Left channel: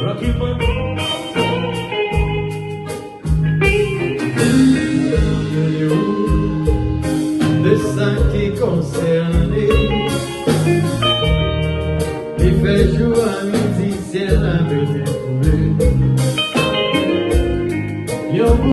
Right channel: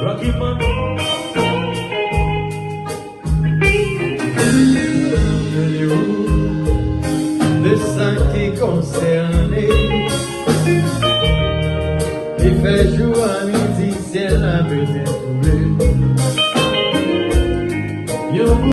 Rocky Mountain. Le sang qui est concerné, il fait jour à midi, ciel a besoin de trouver.